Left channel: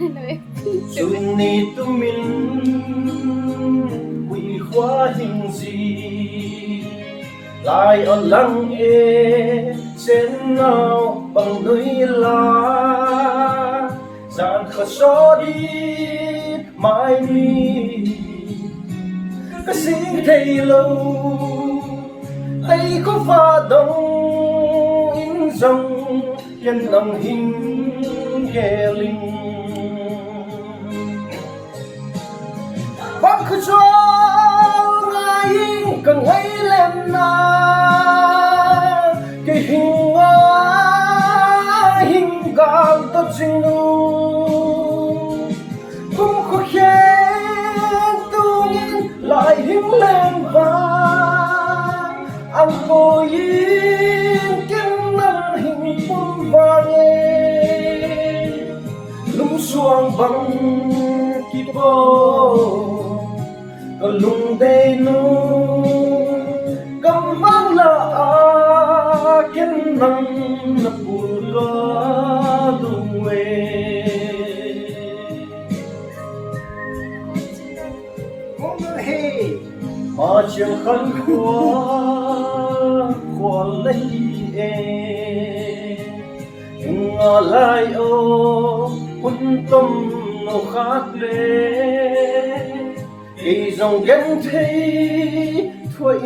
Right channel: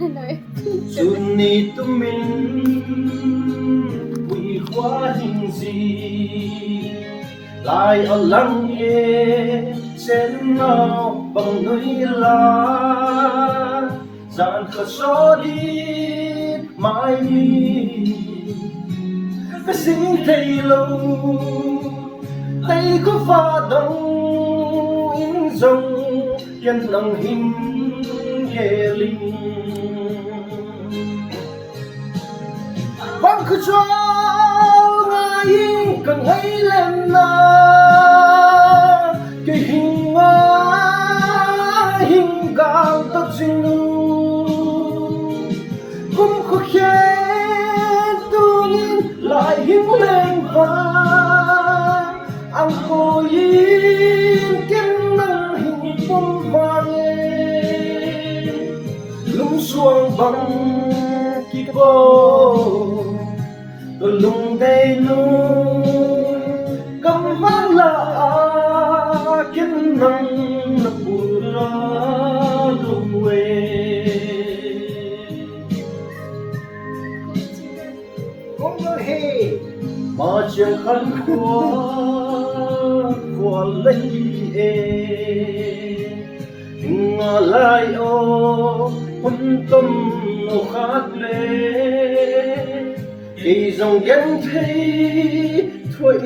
Xuân ni tu min quỳ khóa hình gì lại ở lăng e sen ngao bằng núi lá dàn khờ số đi mãi mi cái xin thầy lâu thấy có pha đông in dòng nhân lòng hình ghé linh vang khơi cho ngay càng hay lên na cái hình hình cao tất sinh nu cũng khó khen tu nhiên lại hình lên và ang cô yên kiến năng hình phong vàng lung xuang bằng kỳ vô lung đầy nu cầm mang là kiến năng là bù ra lung về cũng hề mà chuyện khăn khoa lấy ngờ lại ô quân tâm nô khát lệ kỳ dòng ghen thấy thôi